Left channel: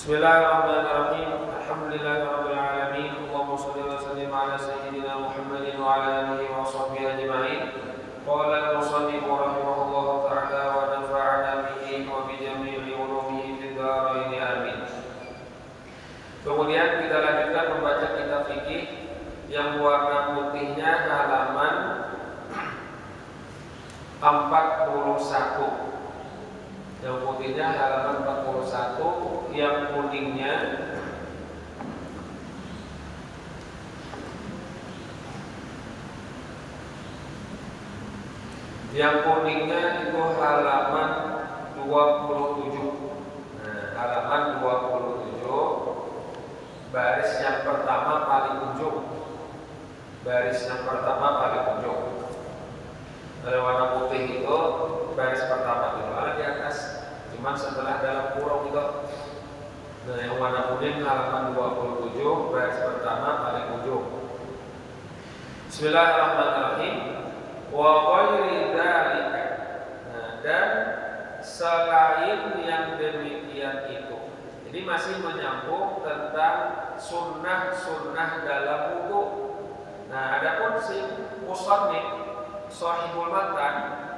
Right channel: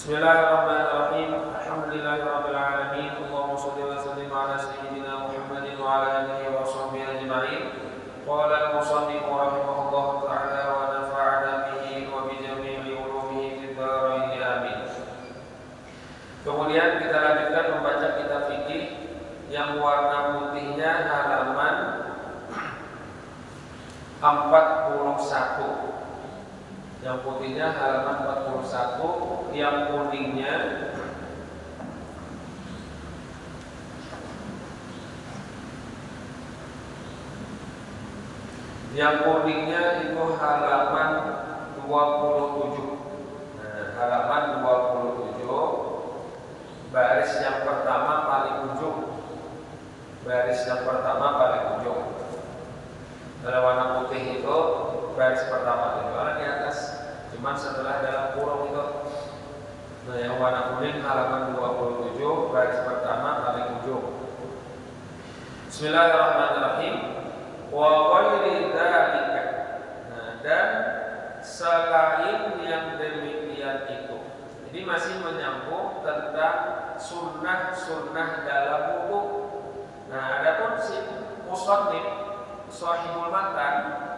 Bismillahirrahmanirrahim. Alhamdulillahirabbil alamin. Allahumma shalli wa sallim ala sayyidina Muhammadin wa ala alihi wa sahbihi ajma'in. Qala al-musannif rahimahullahu ta'ala wa nafa'ana bihi wa bi jami'i ulumihi fid dharain amin. Kemudian kita lanjutkan membaca kitab fikih yang warna putihnya halaman 41. Yang putihnya halaman 41, yang kuningnya itu halaman 27. Nah, halaman 27 baris yang pertama paling ujung. Baris yang pertama paling ujung. Kalau warna putih itu baris pertama itu ada di atas, cuman setelah dalam kurung itu. Nah, yang warna kuning halaman 27 baris pertama paling ujung. Bismillahirrahmanirrahim. Wa ghairi dzalika. Nah, dan selain yang demikian itu. Jadi masih menyambung tentang sunnah-sunnah dalam wudu. Nah, adapun si musannif Shahihul Matan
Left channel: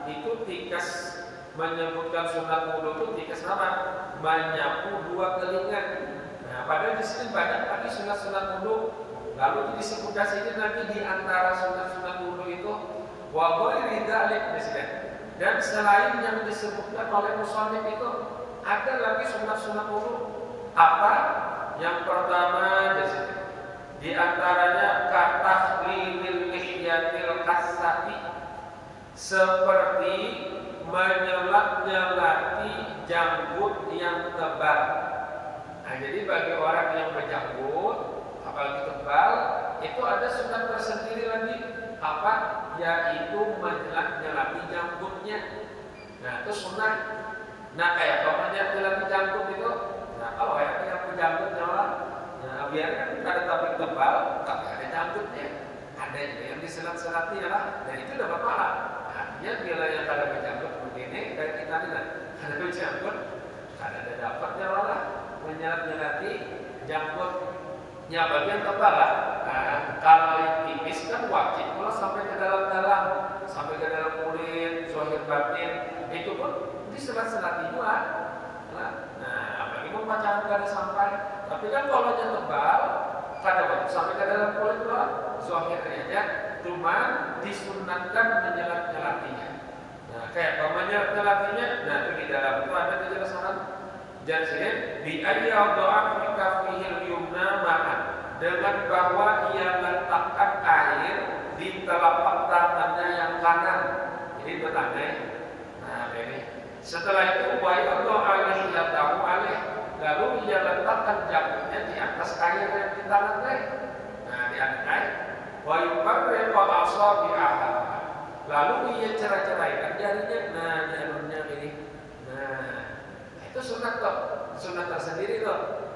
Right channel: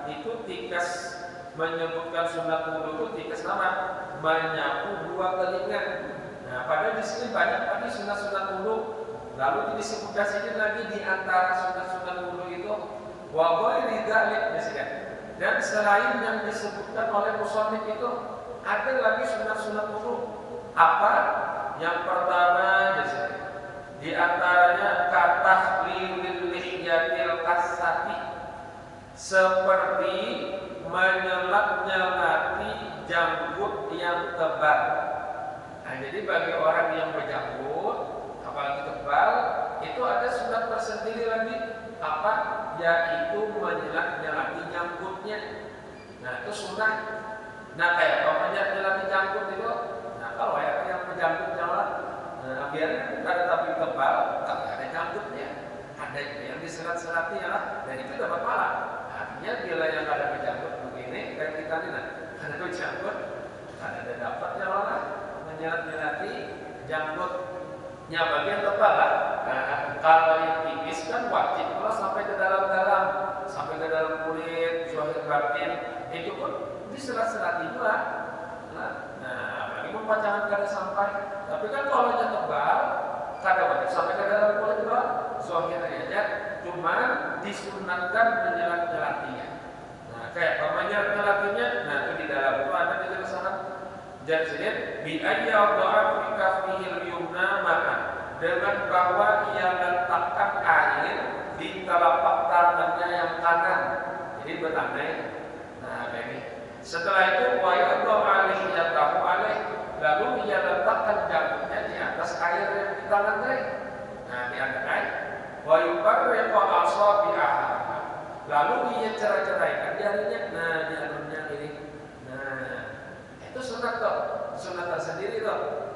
itu tikas menyebutkan sunat wudu itu tikas nama menyapu dua telinga. Nah, padahal di sini banyak lagi sunat-sunat wudu. Lalu disebutkan sini lagi di antara sunat-sunat wudu itu wa ghairi dzalik misalnya. Dan selain yang disebutkan oleh musannif itu ada lagi sunat-sunat wudu. Apa? Yang pertama di antaranya kata lilil lihyatil kasati, seperti menyelap-nyelati janggut yang tebal. Nah, jadi bagi orang yang berjanggut apalagi tebal itu ada sunat tersendiri lagi, apa? Yaitu menyelap-nyelati janggutnya. Nah, itu sunat. Nah, kayak kalau menyelap-nyelati janggut itu, nah kalau ya yang berjanggutnya lah, nah, biar ada tapi tebal, kagak ada janggutnya, ada juga yang diselat-selati ya lah, dan itu dapat pahala. Ya, bila yang ada berjanggut begini kayak kita nih lah, ada berjanggut, ada dapatnya malah menyelat-nyelati janggutnya bagian tebal lah. Nah, kalau yang tipis kan wajib kalau sampai ke dalam-dalam, sampai ke dalam kulit, zahir batin, itu pun diselat-selati juga. Nah, apalagi pembacaan kada sampai. Tapi kan kalau yang tebal, kada wajib sampai ke dalam kulit doang, zahirnya aja. Cuman disunatkan menyelat-nyelatinya. Nah, kayak menyelat-nyelatinya, nah itu di dalam itu ada penjelasan. Jadi bi ayyadha fi kaffihil yumna ma'an, dengan bahwa ia letakkan air di telapak tangannya yang kanan. Jadi berandai. Nah, ini. Setelah itu wa yadha alaihi yatahu alaih, lalu ia letakkan janggutnya di atas air yang di tangan teh. Nah, di atas wa yufarriqu asabi'aha, lalu ia cerai-ceraikan jarinya. Nah, di alunnya ini. Nah, itu sunat kok, sunat tersendiri kok.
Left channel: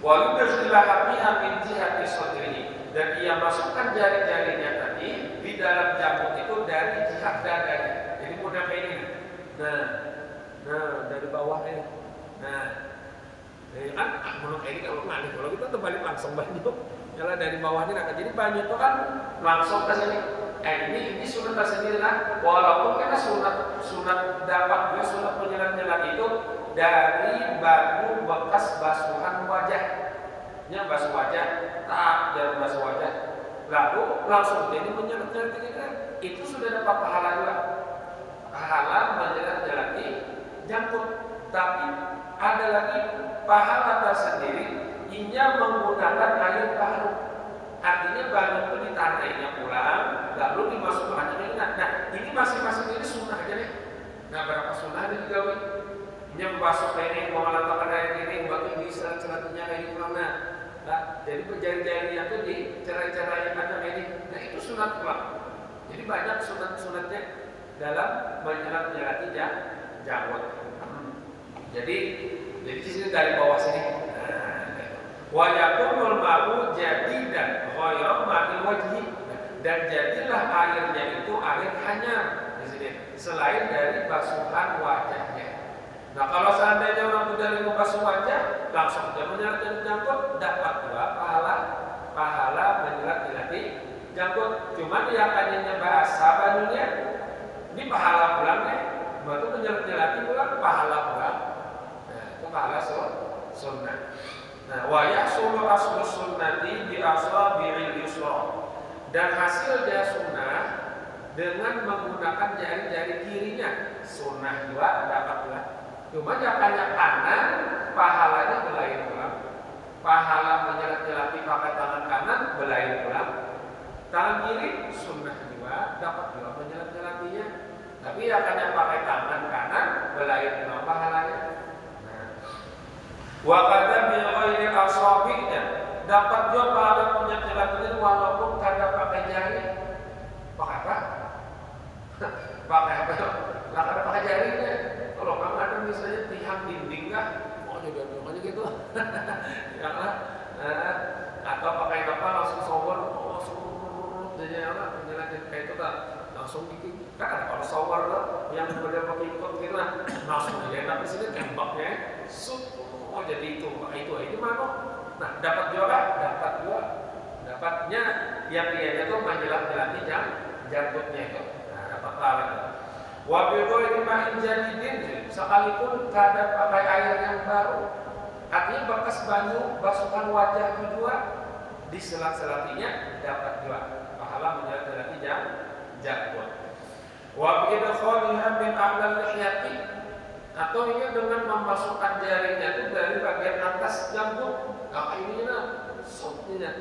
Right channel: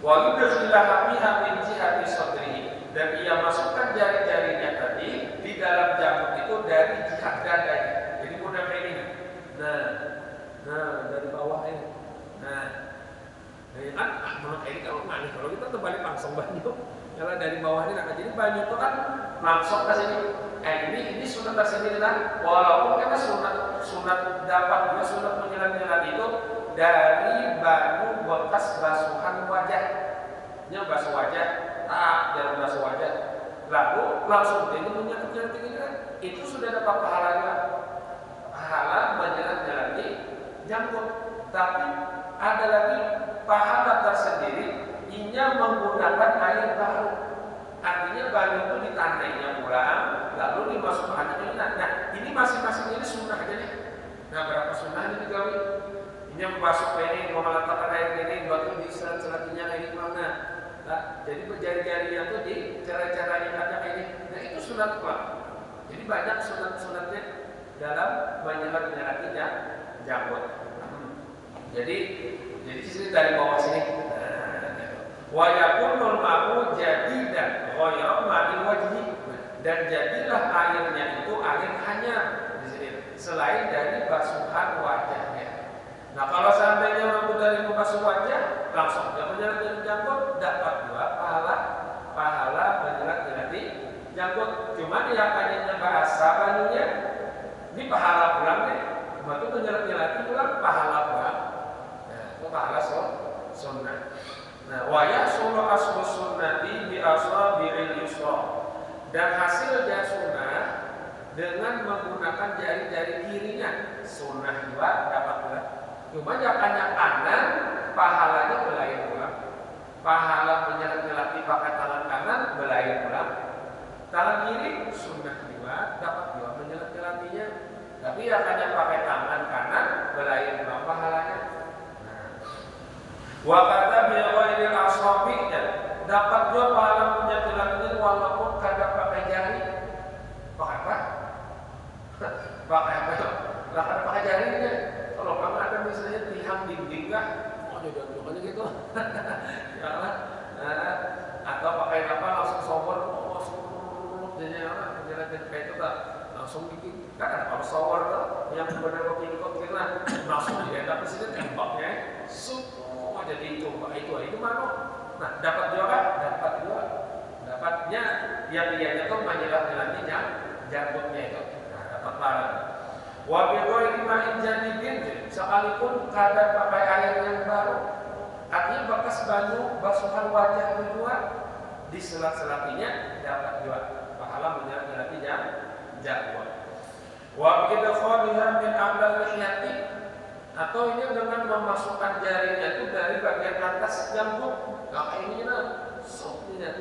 Wa yudkhilaha fiha min jihati sadrihi, dan ia masukkan jari-jarinya tadi di dalam janggut itu dari jihad dadanya. Jadi mudah kayak ini. Nah, dari bawah ini. Nah, ya kan menurut ini kalau ngalih, kalau kita terbalik langsung banyu. Nyala dari bawah ini, nah jadi banyu itu kan langsung ke sini. Ini sunat tersendiri lah. Walaupun karena sunat dapat juga sunat menyelat-nyelat itu dari banyu bekas basuhan wajah. Yang basuh wajah, jangan basuh wajah. Lalu langsung jadi menyelat-nyelat ini kan. Itu sudah dapat pahalanya. Pahala menyelat-nyelati janggut. Tapi ada lagi pahala tersendiri inya menggunakan air baru. Artinya banyu itu ditandainya pulang, lalu dimasukkan aja. Nah, ini masing-masing ini sunnah aja nih. Nah, berapa sunnah ini juga nih? Inya membasuh ini, meletakkan air ini, batu di selat-selatinya ini pulang. Nah, jadi jari-jarinya itu dicerai-cerai aja ini. Nah, itu sunat pulang. Jadi banyak sunat-sunatnya dalam menyelat-nyelati janggut. Jadi di sini dari bawah sini. Wa yakunul ma'u jadidan ghairu ma'il wajhi, dan jadilah airnya itu air hanyar di sini selain dari basuhan wajahnya. Nah, kalau seandainya mampu dari membasuh wajah, langsung aja menyelat-nyelati janggut, dapat juga pahala menyelat-nyelati janggut. Cuma dia kayaknya bahasa banyunya ini pahala pulang deh, betul menyelat-nyelati pulang pahala pulang. Nah itu pahala sunnah. Nah wa yahsulu aslu sunnati bi asabi'il yusra, dan hasil dia sunnah dengan menggunakan jari-jari kirinya. Sunnah juga dapat juga. Cuma jangannya kanan, pahalanya belain pulang. Pahala menyelat-nyelati pakai tangan kanan, belain pulang. Tangan kiri sunnah juga dapat juga menyelat-nyelatinya. Tapi jangannya pakai tangan kanan, belain pulang pahalanya. Wa kata bil ghairi asabi, dapat juga pahala menyelat-nyelatinya walaupun kada pakai jari. Pakai apa? Pakai apa? Lah kada pakai jarinya. Kalau kamu ada misalnya tiang dinding kan, jodoh-jodohnya gitu. Ya lah. Atau pakai apa langsung shower, langsung jadinya orang menjelaskan kayak itu tak langsung gigi. Kan ada kalau shower kan yang benar kok gitu kan, langsung dia tapi sini tembaknya semua jadi itu mana? Nah, dapat juga, dapatnya yang dia itu menjelat-jelati janggutnya itu. Nah, dapat pahala. Wa bi ghairi ma'in jadidin, sekalipun kada pakai air yang baru, artinya bekas basuhan wajah kedua diselat-selatinya dapat juga pahala menjelat-jelati janggut. Wa bi idkhaliha min a'lal lihyati, atau ini dengan memasukkan jarinya itu dari bagian atas janggut. Nah ini supnya.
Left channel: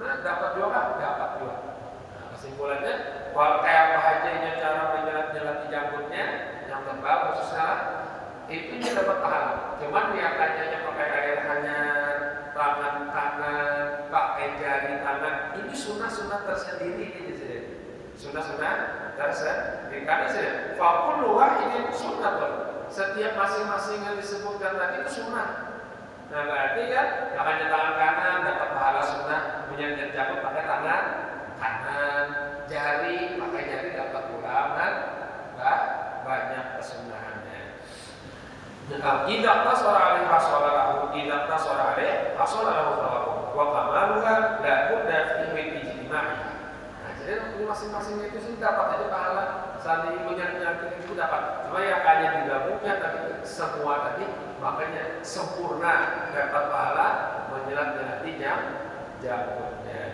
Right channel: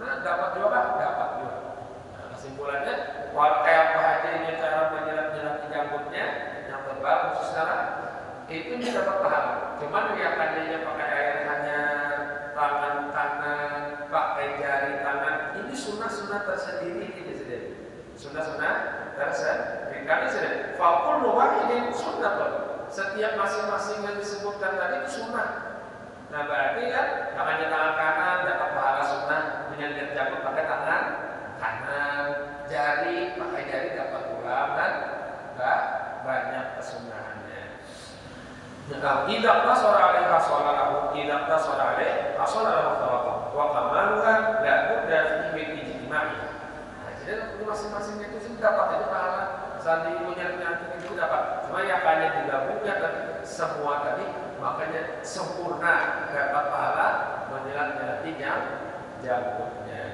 Nah dapat juga. Nah, kesimpulannya kayak apa aja ini cara menjelat-jelati janggutnya yang tebal khusus sekarang itu bisa dapat pahala. Cuman niatannya pakai air hanya tangan kanan, pakai jari tangan, ini sunnah tersendiri ini jadi. Sunnah tersendiri. Karena sudah fakul ini sunnah tuh. Setiap masing-masing yang disebutkan tadi itu sunnah. Nah berarti kan makanya tangan kanan dapat pahala sunnah, menyelat janggut pakai tangan kanan, jari pakai jari dapat ulang kan? Enggak banyak kesunahannya. Idak tasara alaihi hasalahu, idak tasara alaihi hasalahu thawabu wa kamaluha la budda fihi ijtima'i. Nah jadi masing-masingnya itu sih dapat aja pahala. Saling menyelat-nyelati itu dapat. Cuma ya hanya digabungnya tadi semua tadi, makanya sempurna dapat pahala menyelat-nyelati janggutnya.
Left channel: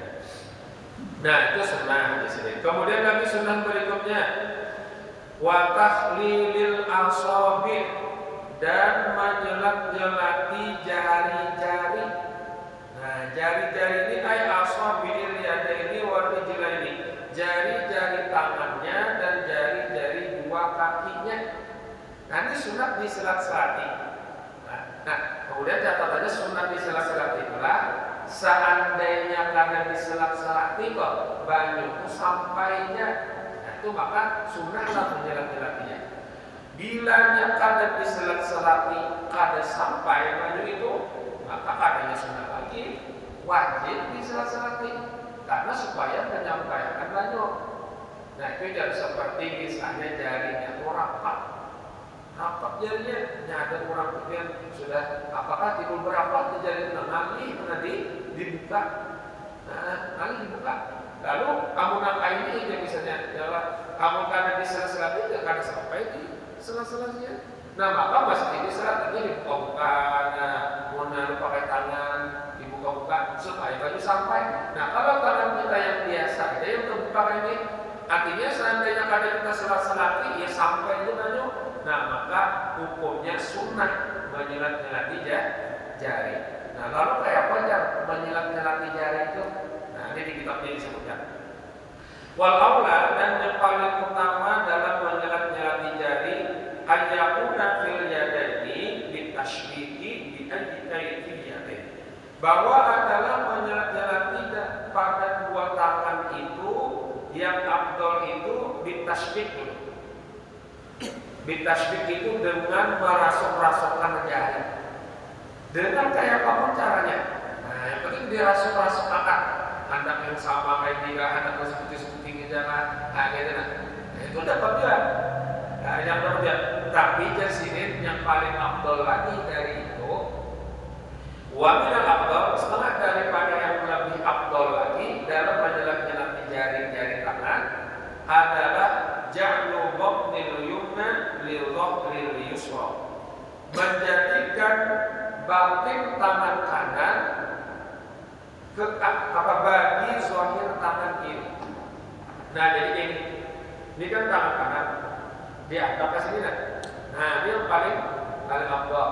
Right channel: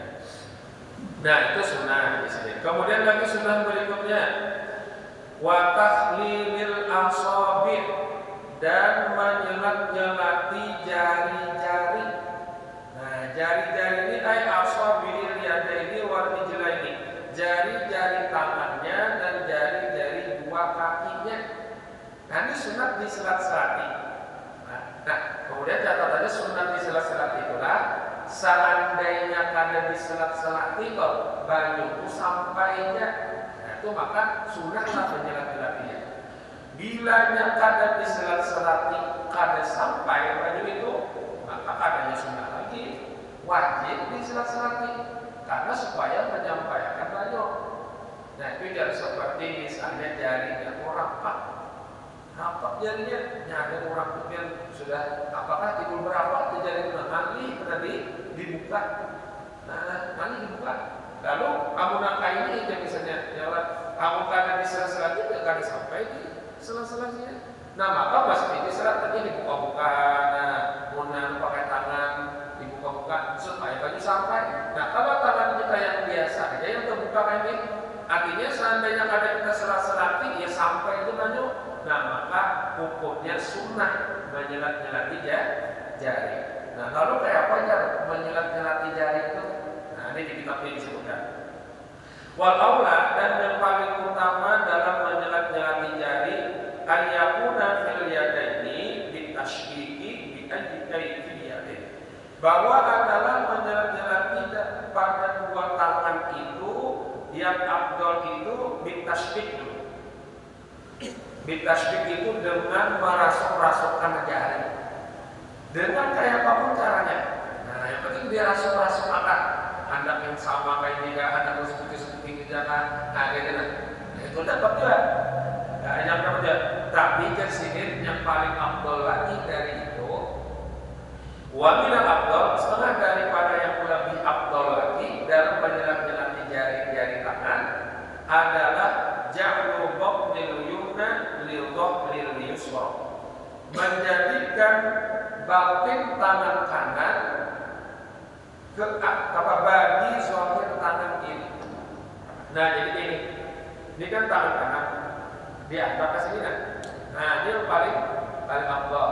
Nah itu sunnah di sini. Kemudian lagi sunnah berikutnya, wa takhlilil asabi, dan menyelat-nyelati jari-jari. Nah jari-jari ini ay asabil yadaini wal rijlaini, jari-jari tangannya dan jari-jari dua kakinya. Nah ini sunat diselat-selati. Nah kemudian catatannya sunat diselat-selati itulah seandainya kada diselat-selati kok banyu itu sampainya, nah itu maka sunatlah menyelat-nyelatinya. Bilanya kada diselat-selati kada sampai banyu itu, maka kadanya sunat lagi wajib diselat-selati karena supaya menyampaikan banyu. Nah itu jadi seperti misalnya jarinya rapat jarinya, ada orang kemudian sudah apakah timbul berapa jari itu ngali dibuka, lalu amun ini itu misalnya ya Allah amun karena di sela-sela itu kada sampai di sela-selanya, nah maka mesti diselat ini dibuka-buka, nah pakai tangan dibuka-buka supaya baju sampai. Nah kalau tangan kita yang biasa ada yang terbuka ini, artinya seandainya ada kita sela-selati ya sampai itu baju. Nah maka hukumnya sunnah menyelat-nyelati jari. Nah lalu kayak apa aja menyelat-nyelati jari itu? Nah ini di kitabnya disebutkan. Wal aula, dan yang paling utama dalam menyelat-nyelati jari ayyakuna fil yadaini bitashbihi bi ajtai fil yadain, bahwa adalah menyelat-nyelati pada dua tangan itu yang afdal itu bitashbih dulu. Bitasbih itu dengan merasuk-rasukkan jari. Dengan kayak apa caranya? Nah, yang penting dirasuk-rasuk akan. Anak yang sama kayak ini, anak yang seperti gitu kan. Nah, gitu nah. Itu dapat juga. Yang dapat juga. Tapi jadi yang paling afdal lagi dari itu Wa minal afdal, setengah daripada yang lebih afdal lagi dalam menjelati jari-jari tangan adalah ja'lu batnil yumna lil dhahril yusra, menjadikan batin tangan kanan ke bagi zahir tangan kiri. Nah, jadi ini kan tangan kanan diangkat ke sini kan. Nah, ini yang paling afdal.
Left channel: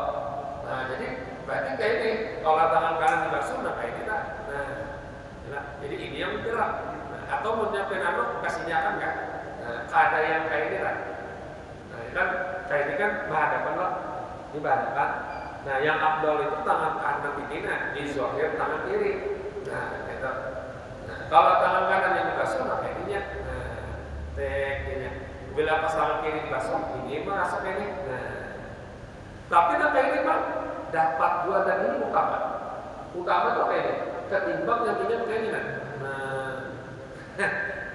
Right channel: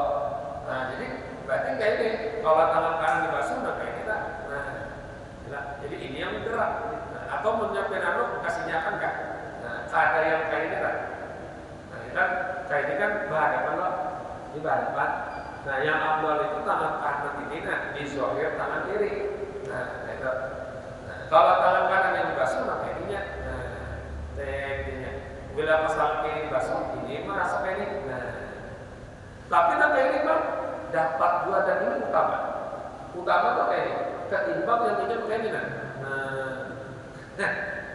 Nah, jadi berarti kayak ini, kalau tangan kanan dibasuh, nah kayak kita. Nah, jadi ini yang bergerak. Nah, atau menyiapkan kasihnya kan enggak. Nah, ada yang kayak ini kan. Nah, ini kan kayak ini kan berhadapan loh. Ini berhadapan. Nah, yang afdal itu tangan kanan ini, nah di zahir tangan kiri. Nah, itu. Nah, kalau tangan kanan yang dibasuh, nah kayak ininya. Nah, tekniknya. Bila pas tangan kiri dibasuh, ini masuk kayak ini. Nah, tapi nah kayak ini bang, dapat dua dan ini utama. Utama tuh kayak ini, ketimbang yang ini kayak ini. Nah,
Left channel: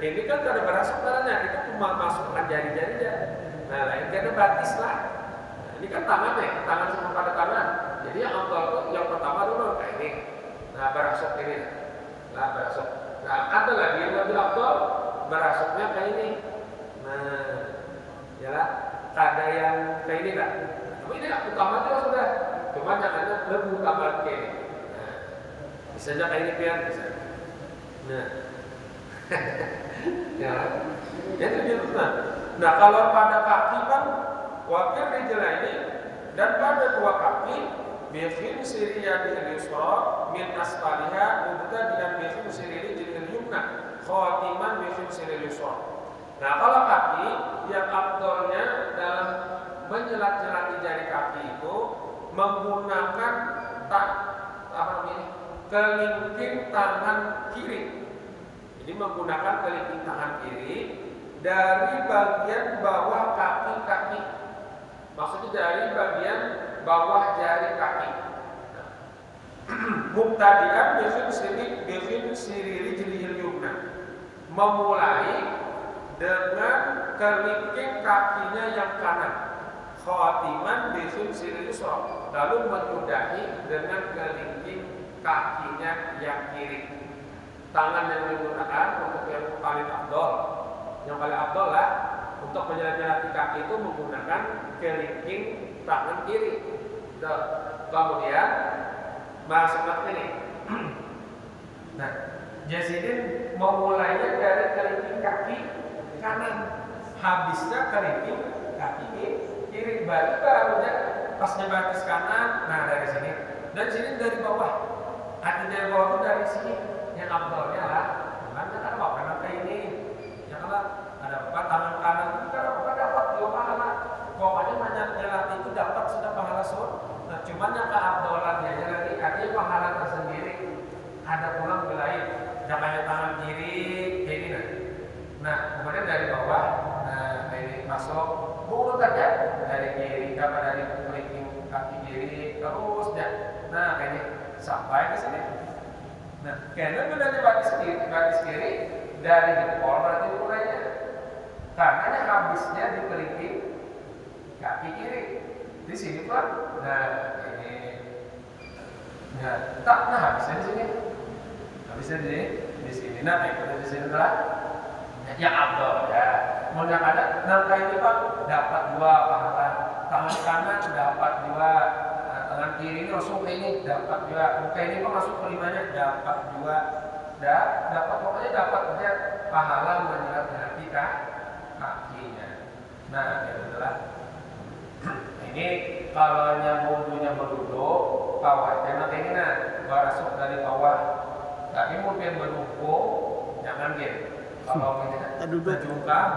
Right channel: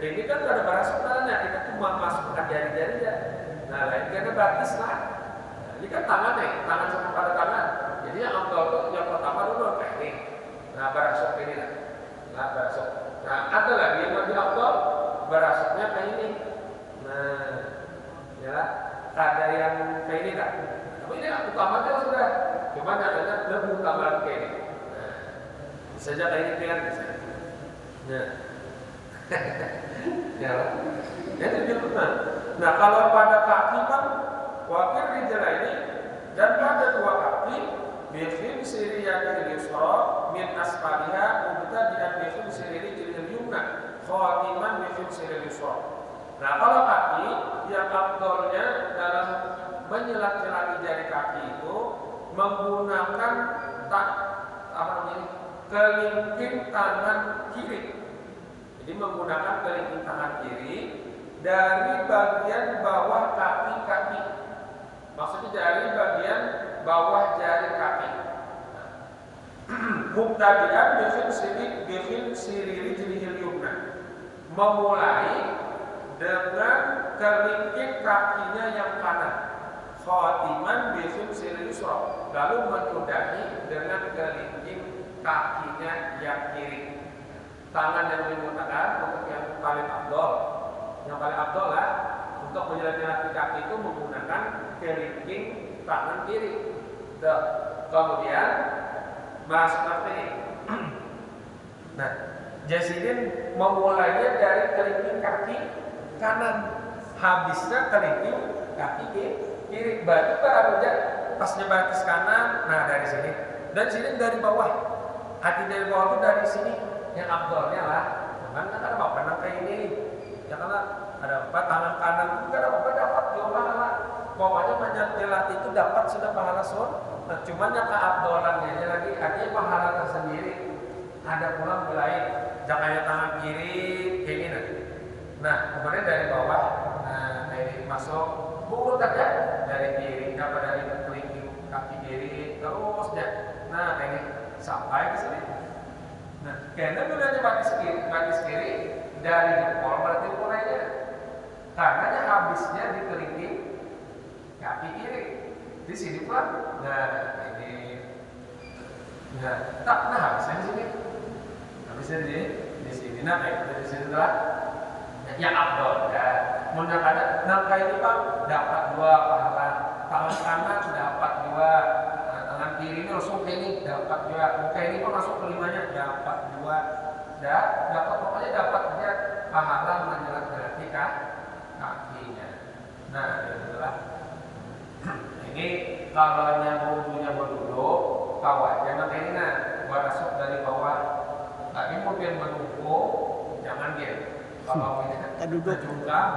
ini kan gak ada barang sebenarnya, kita tuh masukkan jari-jari ya. Nah, lain karena batis lah. Nah, ini kan tangan sama pada tangan. Jadi yang afdal tuh yang pertama dulu kayak ini. Nah, berasuk ini. Nah, berasuk. Nah, ada lagi yang lebih afdal, berasuknya kayak ini. Nah, yalah, ada yang kayak ini kan. Tapi ini yang utama itu sudah, cuma yang lainnya lebih utama kayak ini. Nah, bisa aja kayak ini kan, bisa. Nah, ya, itu dia. Nah, kalau pada kaki kan, wakil rijal ini dan pada dua kaki, bikin siriyadil yusra min asfaliha mubtadi'an bikin siriyadil yumna khatiman bikin siriyadil yusra. Nah, kalau kaki yang afdalnya dalam menyelat-jelati jari kaki itu menggunakan kelingking tangan kiri. Jadi menggunakan kelingking tangan kiri dari bagian bawah kaki. Maksudnya dari bagian bawah jari kaki. Mubtadi'an bikin siriri jilihil yumna, memulai dengan kelingking kakinya yang kanan, khatiman bisin siril yusra, lalu menyudahi dengan kelingking kakinya yang kiri. Tangan yang digunakan untuk yang paling afdal lah untuk menyelat-jelati kaki itu menggunakan kelingking tangan kiri. Kemudian masuk ke ini. Nah, Jasidin memulainya dari kelingking kaki kanan, habisnya kelingking kaki kiri. Batu ke anunya pas nyebatis kanan, nah dari sini. Dan sini dari bawah. Hati dari bawah itu dari sini. Yang afdalnya lah. Tangannya kan apa? Karena kayak ini. Ya karena ada apa? Tangan kanan juga dapat dua pahala. Pokoknya menyelat itu dapat sudah pahala Nah, cuman yang keafdalannya aja lagi artinya pahala tersendiri. Ada pula lain. Jangannya tangan kiri ini nah, kemudian dari bawah, nah dari masuk urutannya dari kiri, dari kelingking kaki kiri terus ya. Nah, kayak ini sampai ke sini. Nah, karena bilangnya batis kiri dari jempol berarti mulainya. Karena yang habisnya di kelingking kaki kiri. Di sini Pak. Nah, ini. Nah, habisnya di sini. Habisnya di sini. Nah, itu di sini adalah yang afdal ya. Menang ada nangka ini Pak dapat dua pahala. Tangan kanan dapat dua. Tangan kiri ini langsung ke ini dapat dua. Muka ini kok masuk kelimanya dapat dua. Dapat pokoknya dapat aja pahala menjelat-jelati kakinya. Nah, itulah. Ini kalau yang wudhunya berduduk, bawah jangan kayak ini berasuk dari bawah. Tapi mungkin berduduk, jangan gitu. Kalau kita duduk jungkang,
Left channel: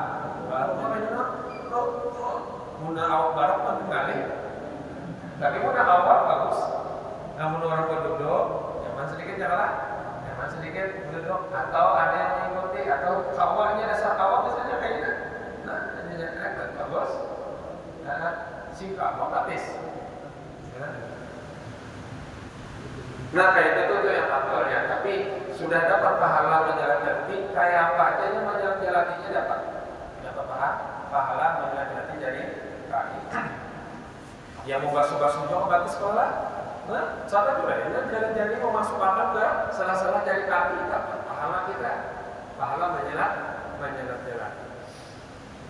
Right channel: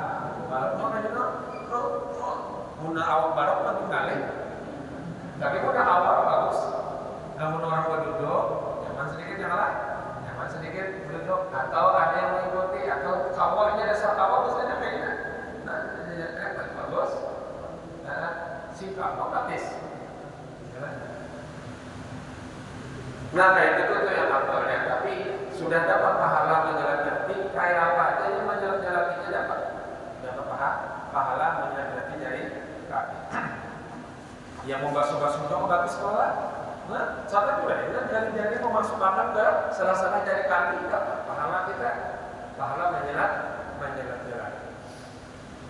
muna awak bareng makin kali. Tapi kalau awak bagus, namun orang berduduk, nyaman sedikit janganlah, nyaman sedikit duduk. Atau ada yang mengikuti, atau kawahnya dasar kawah misalnya kayak ini. Nah, ini bagus. Singkat, otomatis. Nah, kayak itu tuh yang afdalnya. Tapi sudah dapat pahala menjelat-jelati, kayak apa aja yang menjelat-jelatinya dapat pahala menjelat-jelati dari kaki. Yang membasuh-basuh juga bagus sekolah. Sana juga ya, jari-jari memasukkan ke salah-salah jari kaki, pahala kita, pahala menyelat-nyelat.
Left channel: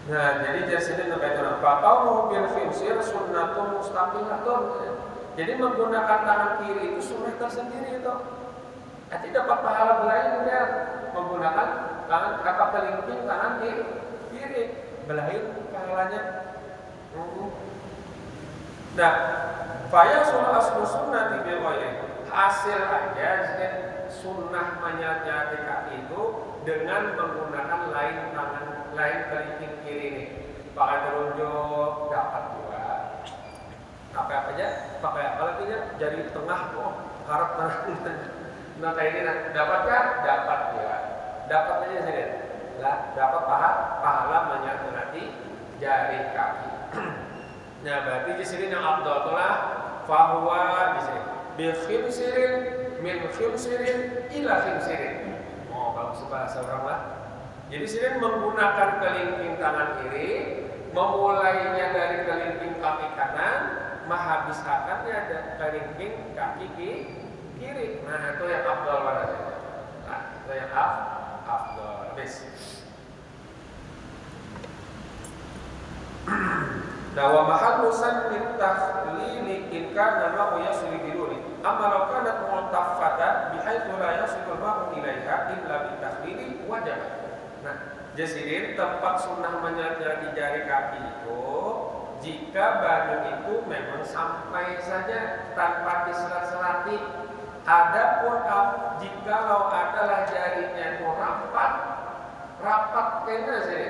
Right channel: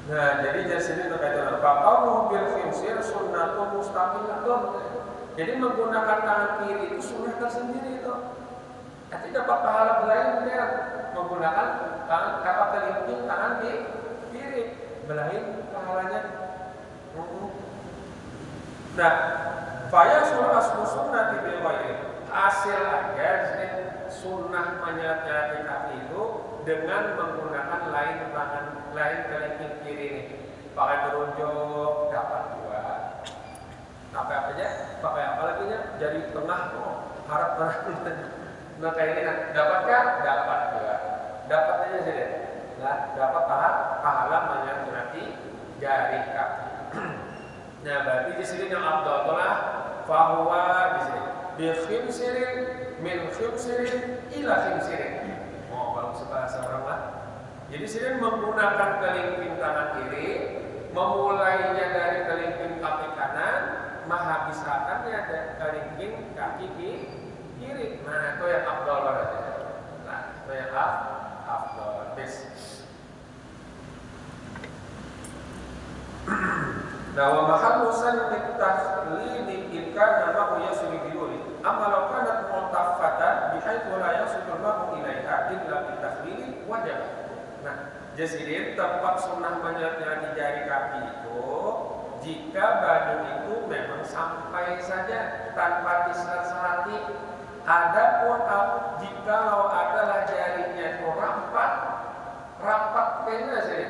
Nah, jadi dari sini terkait dengan bakau bil khinsir sunnatun mustaqilatun. Jadi menggunakan tangan kiri itu sunnah tersendiri itu. Nanti dapat pahala belain dia menggunakan tangan kakak kelingking tangan kiri, belain pahalanya. Nah, fayasul aslu sunnati bil ghairi. Hasil aja sunnah menyelat-nyelati kaki itu dengan menggunakan lain tangan, lain kelingking kiri ini. Pakai telunjuk dapat juga. Pakai apa aja? Pakai apa lagi nya? Jari tengah tuh harap mana? Nah kayak ini, dapatkah? Dapat juga. Dapat aja sih. Nah, dapat pahala menyelat-nyelati jari kaki. Nah, berarti di sini yang afdal itulah fahuwa di sini bi khinsirin min khinsirin ila khinsirin. Oh, bagus bahasa orang lah. Jadi sini menggunakan kelingking tangan kiri, memulainya dari kelingking kaki kanan, menghabiskannya dari kelingking kaki kiri. Nah, itu yang afdal berarti. Nah, itu yang afdal. Habis. Nah, wa mahallu sanni takhlili in kana ma'u yasilu biduni. Amma law kanat mu'taffatan bihaitsu la yasilu al-ma'u ilaiha illa bi takhlili wajib. Nah, jadi tempat sunnah menyelat-nyelati jari kaki itu jika baju itu memang sampai saja tanpa diselat-selati. Adapun jikalau adalah jarinya itu rapat kena sih.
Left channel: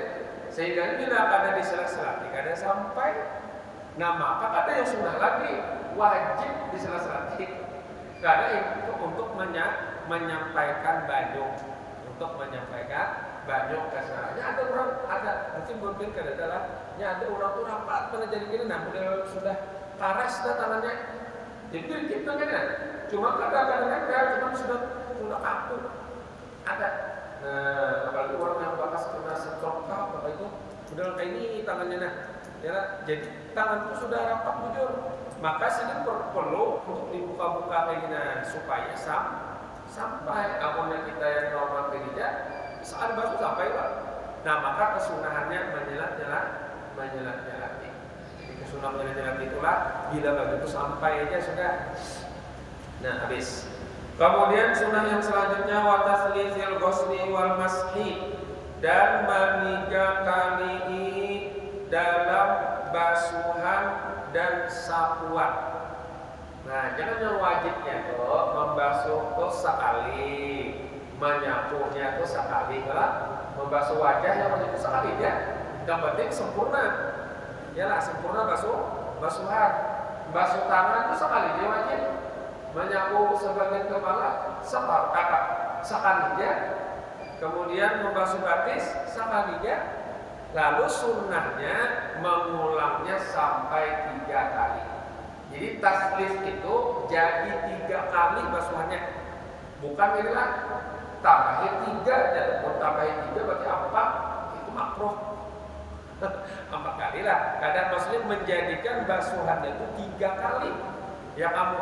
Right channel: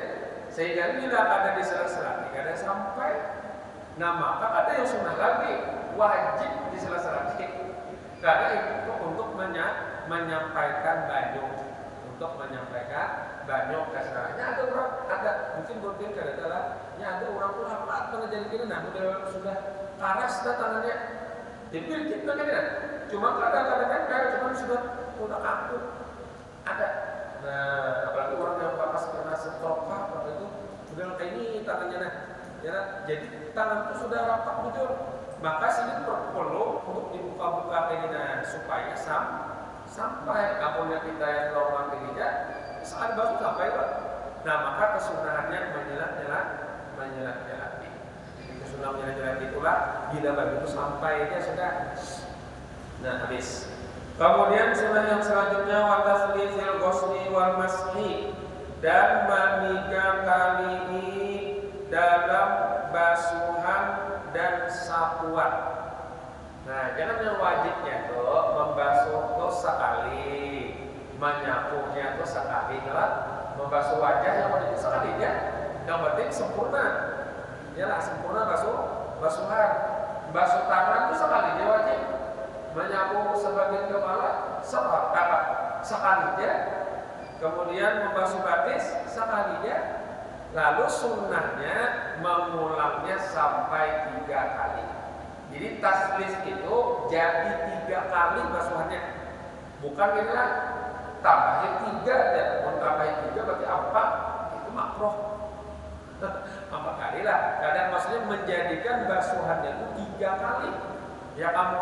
Sehingga bila ada diselat-selati, ada sampai, nah maka ada yang sunnah lagi wajib diselat-selati. Karena itu untuk menyampaikan baju, kesannya ada orang mungkin mungkin kadang-kadang ada orang tuh rapat pernah jadi gini, nah udah sudah paras tangannya, jadi gitu kan ya. Cuma kadang-kadang nempel, cuma sudah kaku ada. Nah, apalagi orang yang bakas kena stroke apa itu, udah kayak ini tangannya nah, ya nah, jadi tangan itu sudah rapat jujur. Maka sini perlu untuk dibuka-buka kayak gini nah, supaya sampai apunnya kita yang normal tidak saat basuh sampai lah. Nah, maka kesunahannya menyelat-nyelati. Jadi kesunahan menyelat-nyelati itulah bila baju itu sampai aja sudah. Nah, habis. Kemudian sunnah yang selanjutnya wa taslizil ghusli wal mashi, dan meniga kali dalam basuhan dan sapuan. Nah, jangan yang wajibnya tuh membasuh tuh sekali, menyapunya tuh sekali. Kalau membasuh wajah yang wajib itu sekali ya. Yang penting sempurna. Yalah, sempurna basuhan. Basuh tangan itu sekali dia wajib. Menyapu sebagian kepala sekali aja. Kemudian membasuh batis sekali aja. Lalu sunnahnya mengulangnya sampai 3 kali. Jadi taslis itu jadi 3 kali basuhannya. Bukan inilah tambahin 3 aja. Kalau tambahin 3 berarti 4, itu makruh. 4 kali lah. Kadang maksudnya menjadikan basuhannya itu 3 kali. Ya kamu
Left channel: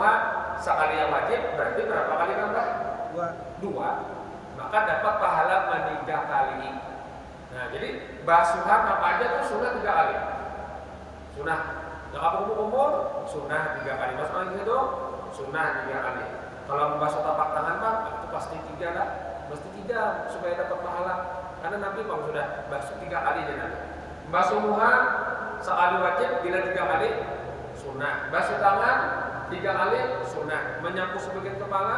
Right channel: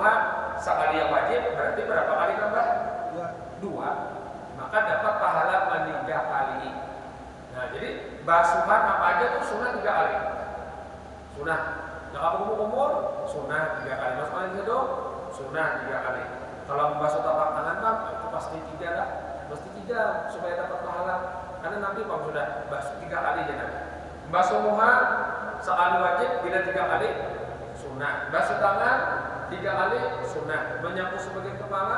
sekali yang wajib berarti berapa kali nambah? 2. Maka dapat pahala 3 kali. Nah, jadi basuhan apa aja tuh sunnah 3 kali. Sunnah. Yang kamu kumur sunnah 3 kali. Masuk angin itu sunnah 3 kali. Kalau membasuh tapak tangan bang, itu pasti 3 lah. Mesti 3 supaya dapat pahala. Karena Nabi bang sudah basuh 3 kali aja Nabi. Membasuh muha sekali wajib, bila 3 kali sunnah. Basuh tangan 3 kali sunnah. Menyapu sebagian kepala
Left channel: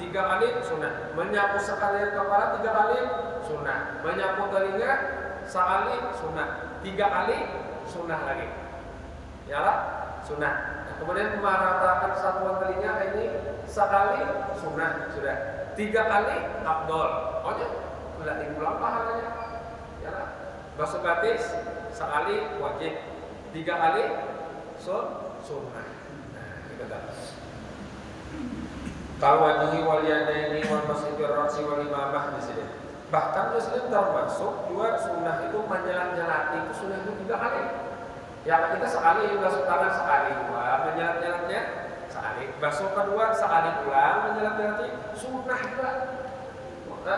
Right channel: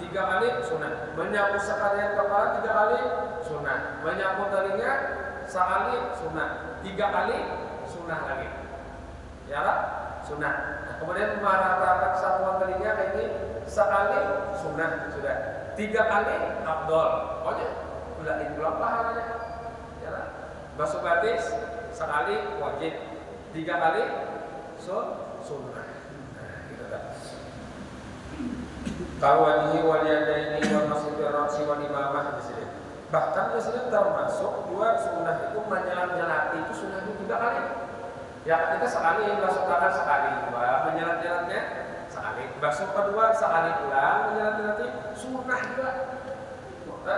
3 kali sunnah. Menyapu sekalian kepala 3 kali sunnah. Menyapu telinga sekali sunnah. 3 kali sunnah lagi. Ya lah, sunnah. Nah, kemudian meratakan satuan telinga kayak ini sekali sunnah sudah. 3 kali afdol. Pokoknya ulang pahalanya. Ya lah. Basuh batis sekali wajib. 3 kali sunnah. Kalau wajhi wal yadaini wal masjidil ra'si wal imamah di sini. Bahkan di sini termasuk juga sunnah itu menyelat-nyelati itu sunnah itu 3 kali. Yang ketiga sekali, basuh tangan sekali, 2, menyelat-nyelatnya sekali. Basuh kedua sekali ulang menyelat-nyelati, sunnah juga.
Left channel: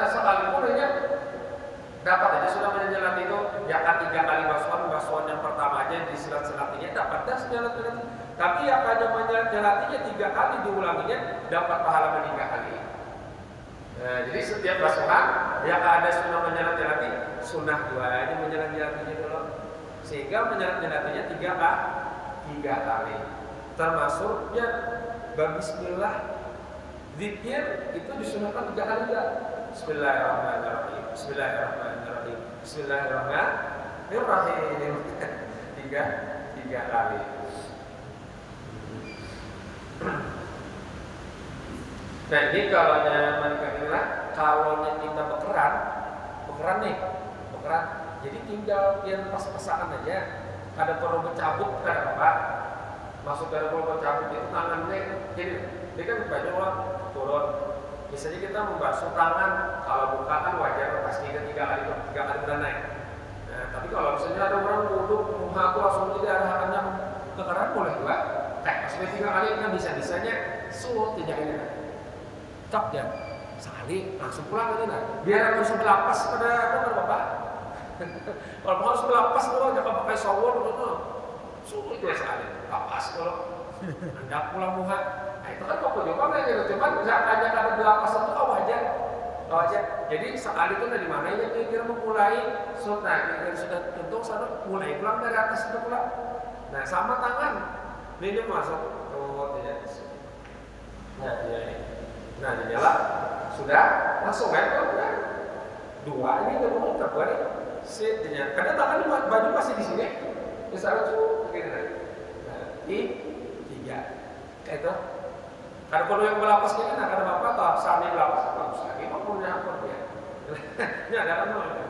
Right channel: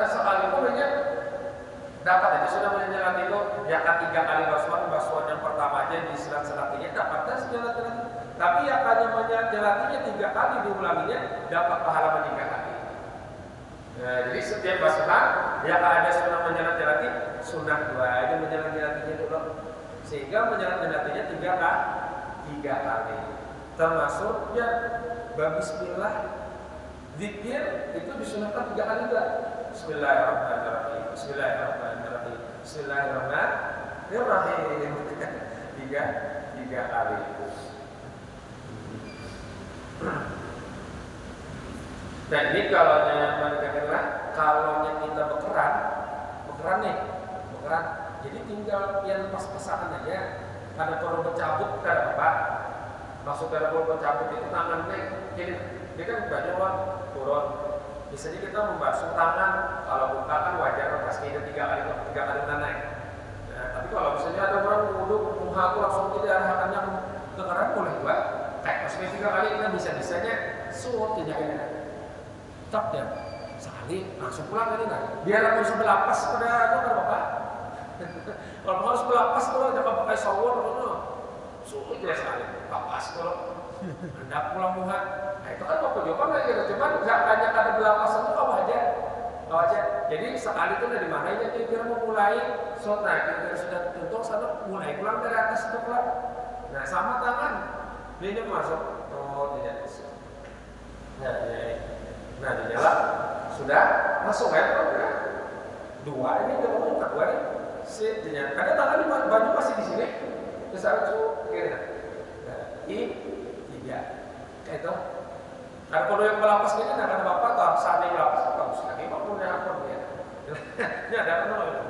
Sekali itu hanya dapat aja sudah menyelat itu. Ya kan 3 kali basuhan yang pertama aja diselat-selatinya dapat dah menyelat-nyelati. Tapi yang hanya menyelat-nyelatinya 3 kali diulanginya dapat pahala 3 kali. Nah, jadi setiap basuhan yang ada sunnah menyelat-nyelati, sunnah 2 aja menyelat-nyelatinya dulu. Sehingga menyelat-nyelatinya 3 kali. Termasuk ya bismillah, zikir itu disunahkan 3 kali juga. Bismillahirrahmanirrahim. Bismillahirrahmanirrahim. Bismillahirrahmanirrahim. Tiga kali. Nah ini kalau kita bekeran nih, jadi tinggal yang pas-pasangan aja. Ada perlu mencabut ada apa? Maksud ada perlu mencabut itu tangannya, jadi dia kan banyak orang turun. Biasanya kita membasuh tangan, kalau buka kan wajar pasti ada 3 kali udah naik. Nah, tapi kalau misalnya ada orang wudhu, muha tuh langsung jadi arahannya ke keran boleh juga. Kayak pas 3 kali, nah bisa-bisanya sulit tidak ini. Cok ya, sekali langsung pulang ini nah. Biar aku harus melapas pada bapak. Kalau harus melapas dulu, jangan pakai shower gitu. Sulit ya sekali, lapas dulu. Hendak pulang muha. Nah itu kan bapak coba nggak gitu. Cuman zakanya ada belapasan itu kau aja. Jadi sekali itu dari mana ya kira-kira memulai sunnah. Kira sudah tentu sana mulai pulang dari atas itu pulang. Nah sama tangan, ini dia masuk. Oh tidak. Nah ini. Nah di jalan sudah langsung aja pulang. 2 ini udah kedua nih. Ada tangan di baju masih di sini. Misalnya tuh gitu. Nah, 3 kayak itu. Ada perlu yang melapas gini, nah ada bapak atau saatnya melapas bagus lagi, mau punya akun dia. Ini ada kan loh itu.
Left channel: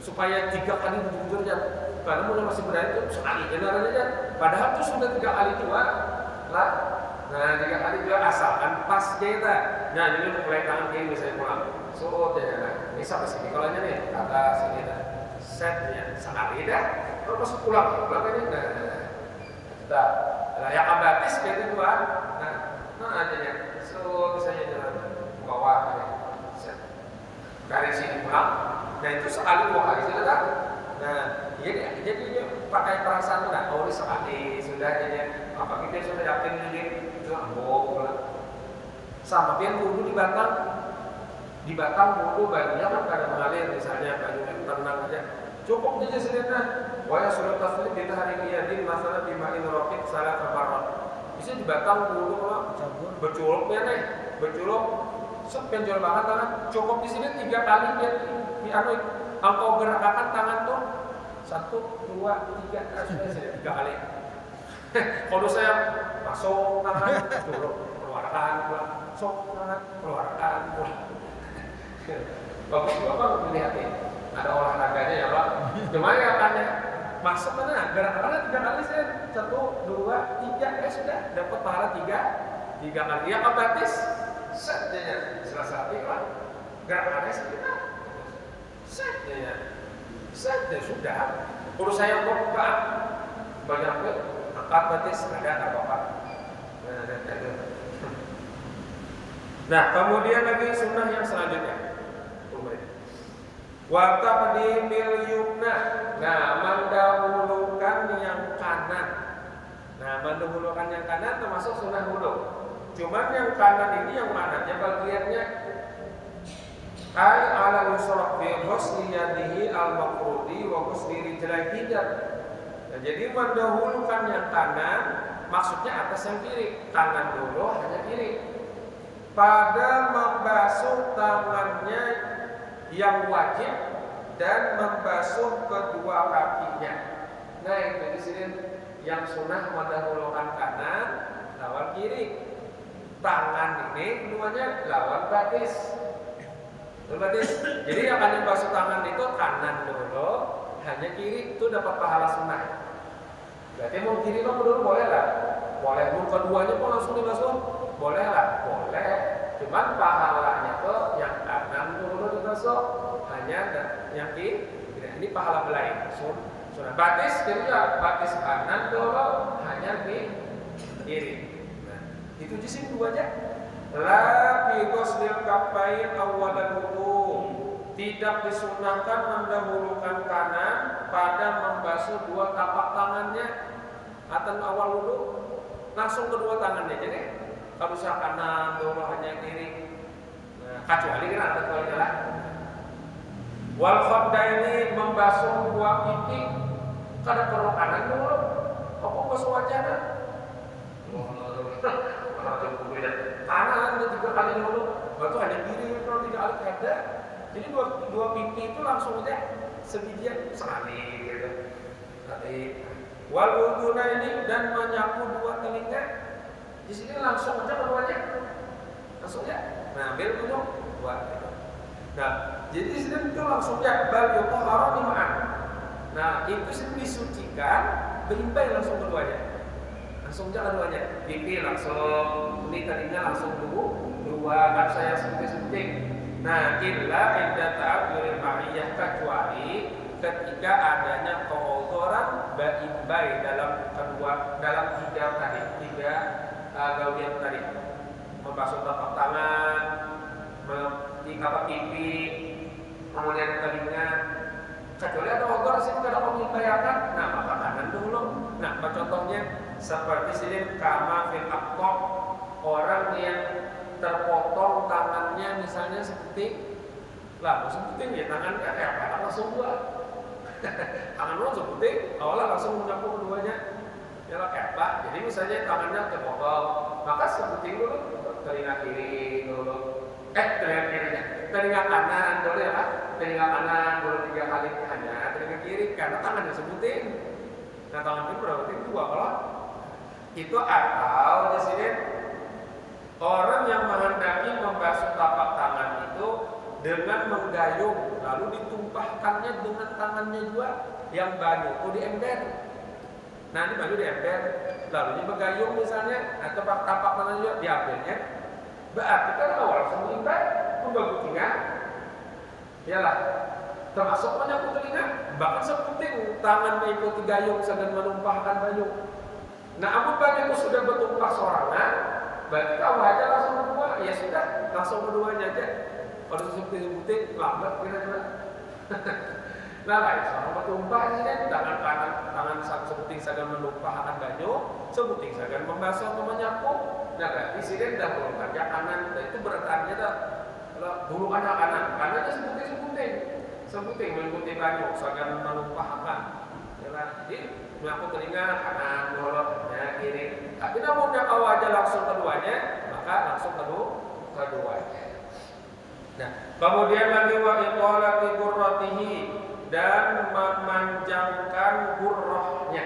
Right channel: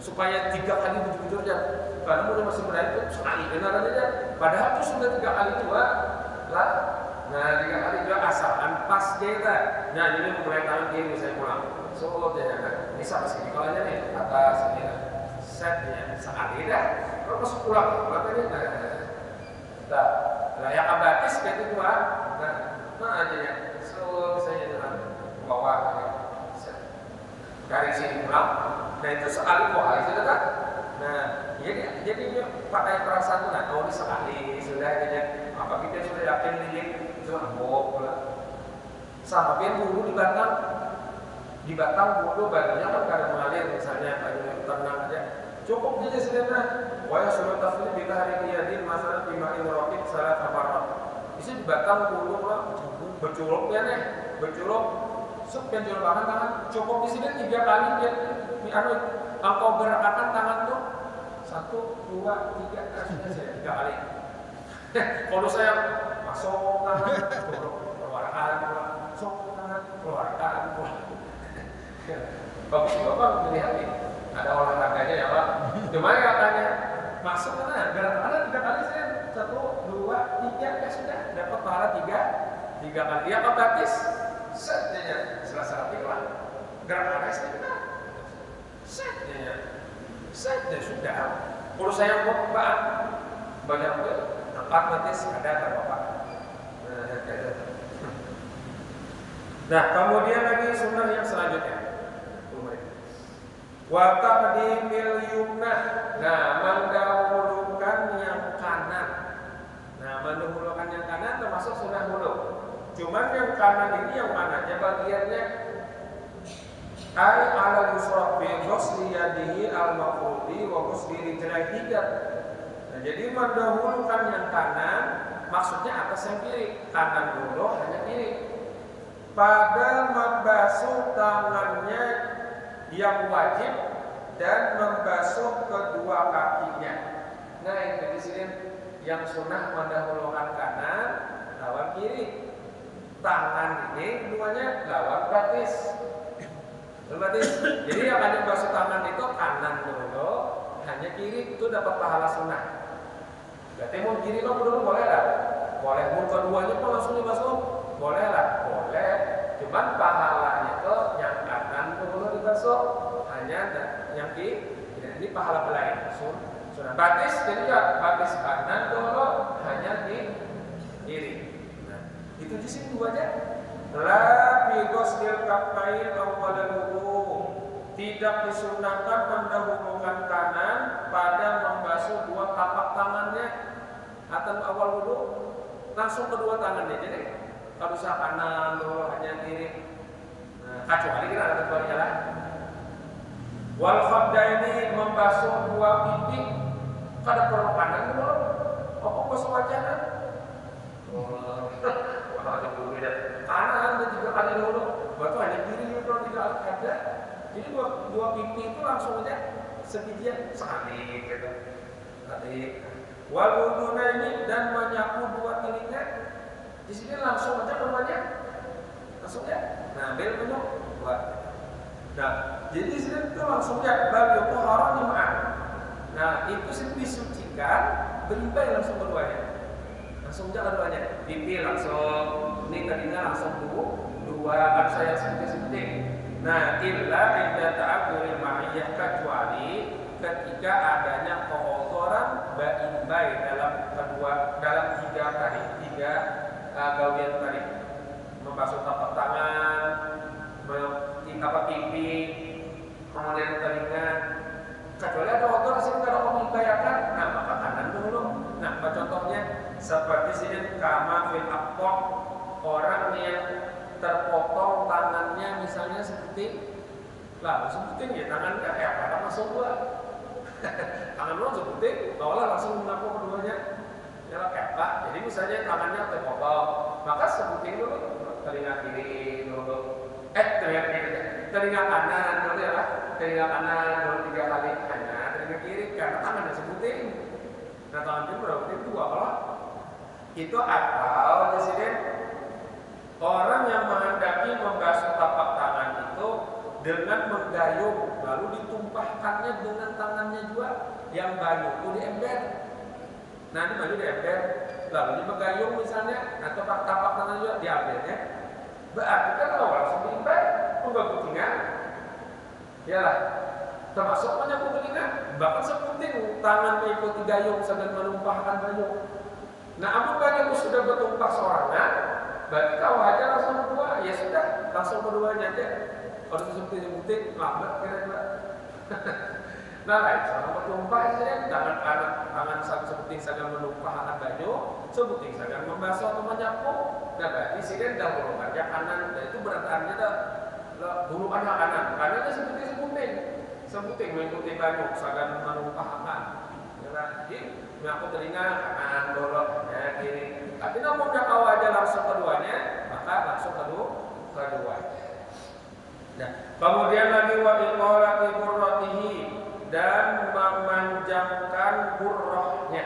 Supaya 3 kali bujur ya. Karena mudah masih berani itu sekali benaran aja. Padahal itu sudah 3 kali juga lah. Nah 3 kali juga asalkan pas kita. Nah jadi mulai tangan kiri misalnya pulang. So nah ini sampai sini kalau aja nih atas sini setnya sekali dah. Kalau pas pulang ini nah yang abatis gitu juga. Nah aja ya. So misalnya dengan bawah ya. Set. Dari sini pulang. Nah itu sekali 2 kali sudah kan. Nah jadi pakai perasaan tuh nah oh ini sekali sudah jadi apa kita sudah yakin ini itu sama pian wudhu di batang wudhu bajunya kan kadang mengalir misalnya bajunya tenang aja cukup aja sebenarnya wa surat taslim di hari qiyadin masalah bima'in raqib salat kafarot bisa di batang wudhu lah beculuk ya nih beculuk penjual bahkan tangan cukup di sini 3 kali biar engkau gerakkan tangan tuh 1, 2, 3 sudah 3 kali. Kalau saya masuk tangan keluarkan masuk tangan keluarkan bagus bapak melihat nih ada olahraganya ya pak. Cuma ya katanya masuk mana gerakannya 3 kali saya 1, 2, 3 ya sudah dapat pahala 3 kali ya otomatis setnya selesai lah gerakannya sudah setnya setnya sudah urus saya bapak banyak tuh otomatis ada bapak. Nah kemudian lagi sunnah yang selanjutnya wa taqdimil yumna. Nah mendahulukan yang kanan. Nah mendahulukan yang kanan termasuk sunnah wudu. Cuman yang kanan ini yang mana? Ya bagiannya ay ala yusra fi ghusli yadihi al-mafrudi wa ghusli rijlaihi. Nah jadi mendahulukan yang kanan maksudnya atas yang kiri. Kanan dulu hanya kiri. Pada membasuh tangannya yang wajib dan membasuh kedua kakinya. Nah itu di sini yang sunnah mendahulukan kanan lawan kiri. Tangan ini keduanya lawan batis. Jadi yang hanya basuh tangan itu kanan dulu, hanya kiri itu dapat pahala sunnah. Berarti mau kiri mau dulu boleh lah, boleh. Mau keduanya pun langsung dibasuh, boleh lah, boleh. Cuman pahalanya itu yang kanan dulu dibasuh, hanya yang kiri. Ini pahala lain, Sudah batis jadi ya batis kanan dulu hanya di kiri. Nah, itu jisim dua aja. La bi ghuslil kaffain awwalal wudu. Tidak disunnahkan mendahulukan kanan pada membasuh dua tapak tangannya atau awal wudu, langsung kedua tangannya. Jadi harus kanan dulu hanya kiri. Nah, kecuali lah. Wal khaddaini membasuh dua pipi kada perlu kanan dulu. Apa basuh wajahnya? Kanan dan juga kanan dulu. Batu hanya kiri kalau tidak ada. Jadi dua pipi itu langsung aja sebijian sekali gitu. Tadi wal udhunaini dan menyapu dua telinga. Di sini langsung aja keduanya. Langsung ya. Nah, ambil minum dua. Nah, jadi di sini itu langsung ya bal yutahhara nim'an. Nah, itu sih disucikan, berimbai langsung keduanya. Langsung aja keduanya. Pipi langsung, ini telinga langsung dua. Kan saya sebutin. Nah, illa inda ta'abburi ma'iyah, kecuali ketika adanya keozoran berimbai dalam tiga gaudian tadi, membasuh tapak tangan, pipi, kemudian telinga. Kecuali ada odor di sini ada membahayakan, nah maka kanan dulu. Nah, contohnya seperti sini kama fil aqtab, orang yang terpotong tangannya misalnya seperti sebuting ya tangannya pada langsung dua. Tangan lu sebuting, awalnya langsung menyapu keduanya. Ya lah kayak Pak. Jadi misalnya tangannya terpotong, maka sebuting dulu telinga kiri dulu. Telinga kanan dulu ya Pak. Telinga kanan dulu 3 kali hanya telinga kiri karena tangannya sebuting. Nah, tangan kiri berarti dua kalau itu atau di sini orang yang menghendaki membasuh tapak tangan itu dengan menggayung lalu ditumpahkannya dengan tangannya juga yang banyu itu diember. Nah, ini banyu diember lalu bergayung misalnya atau tapak tangan juga diambilnya. Berarti kan awal langsung diember mengganggu telinga. Iyalah, termasuk menyapu telinga. Bahkan sepenting tangan mengikuti gayung sedang menumpahkan banyu. Nah, amun banyu itu sudah bertumpah sorangan, berarti kau aja langsung berdua, ya sudah langsung berduanya aja. Kalau sebuting lambat kira-kira. Nah, lain sama bertumpah saja tangan kanan, tangan sebuting sedang menumpahkan banyu, sebuting sedang membasuh atau menyapu. Nah, berarti sini dah belum kerja kanan, dan itu berarti dah dulu kanan, kanannya sebuting mengikuti banyu sedang menumpahkan. Jadi menyapu telinga kanan dulu ya kiri. Tapi namun dah kau aja langsung keduanya, maka langsung keduanya. Nah, kemudian lagi wa iqalati gurratihi dan memanjangkan gurrahnya.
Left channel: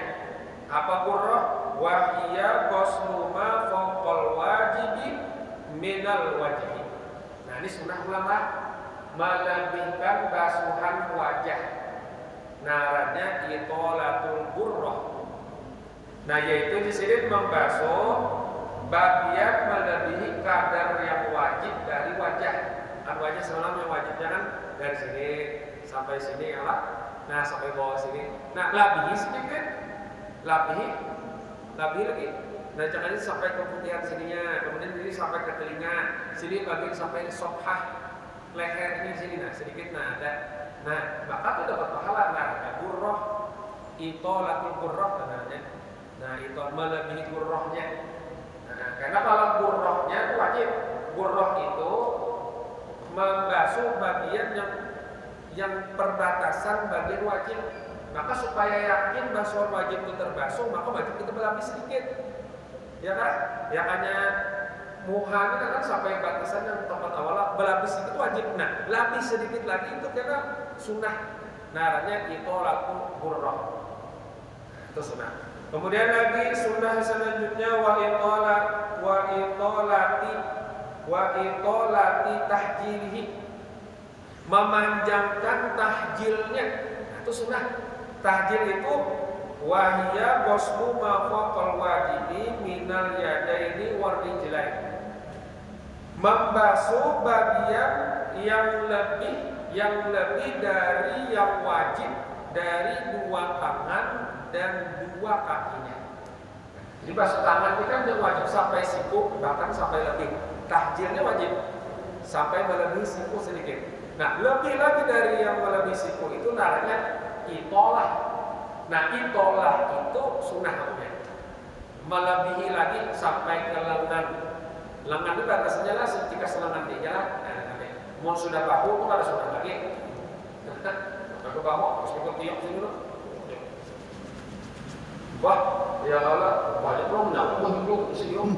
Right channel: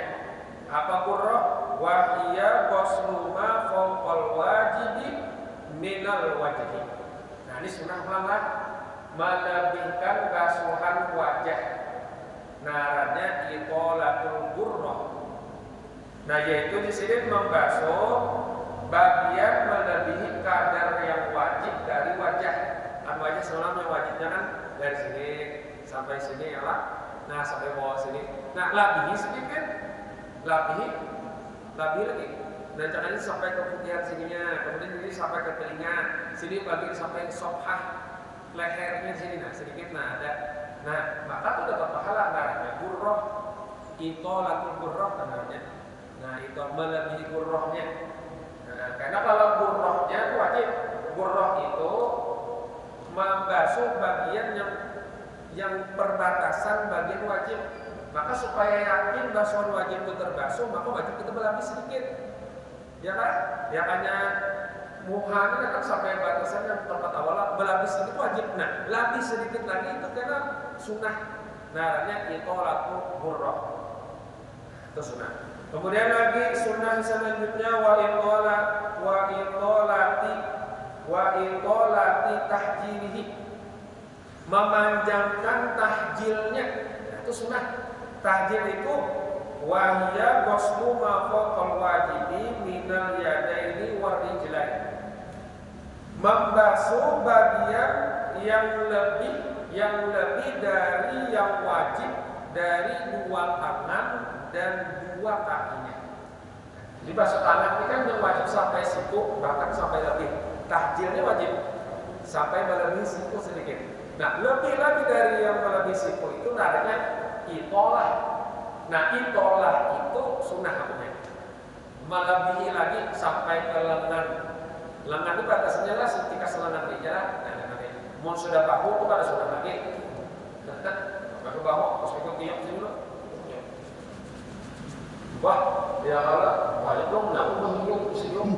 Apa gurrah? Wa hiya ghuslu ma fawqal wajibi minal wajhi. Nah, ini sunnah ulama melebihkan basuhan wajah. Naranya itolatul gurrah. Nah, yaitu di sini membasuh bagian melebihi kadar yang wajib dari wajah. Kan wajah semalam yang wajibnya kan dari sini sampai sini ya lah. Nah, sampai bawah sini. Nah, labihi sedikit. Labihi lagi. Nah, jangan sampai ke putihan sininya. Kemudian ini sampai ke telinga. Sini bagian sampai sophah lehernya sini. Nah, sedikit ada. Nah, maka itu dapat pahala namanya gurrah, itolatul gurrah namanya. Nah, itu melebihi gurrahnya. Nah, karena kalau gurrahnya itu wajib. Gurrah itu membasuh bagian yang perbatasan bagian wajib. Maka supaya yakin basuhan wajib itu terbasuh, maka wajib kita berlapis sedikit. Ya kan? Ya hanya muha ini kan sampai batasan yang tempat awalnya berlapis sedikit wajib. Nah, lapis sedikit lagi itu karena sunnah. Naranya itolatul gurrah. Itu sunnah. Kemudian lagi sunnah selanjutnya wa itolati tahjilihi, memanjangkan tahjilnya. Nah, itu sunnah. Tahjil itu wahya ghuslu ma fawqal wajibi minal yadaini warijlain. Membasuh bagian yang lebih dari yang wajib dari dua tangan dan dua kakinya. Jadi basuh tangan ini kan wajib sampai siku, bahkan sampai lebih. Tahjilnya wajib sampai melebihi siku sedikit. Nah, lebih lagi dari yang melebihi siku itu namanya itolah. Nah, itolah itu sunnah hukumnya. Melebihi lagi sampai ke lengan. Lengan itu batasnya lah ketika selengan di jalan. Nah, nanti mun sudah bahu itu ada sunnah lagi. Sampai ke bahu harus ikut tiap sini dulu. Wah, ya Allah, banyak belum nyambung siung.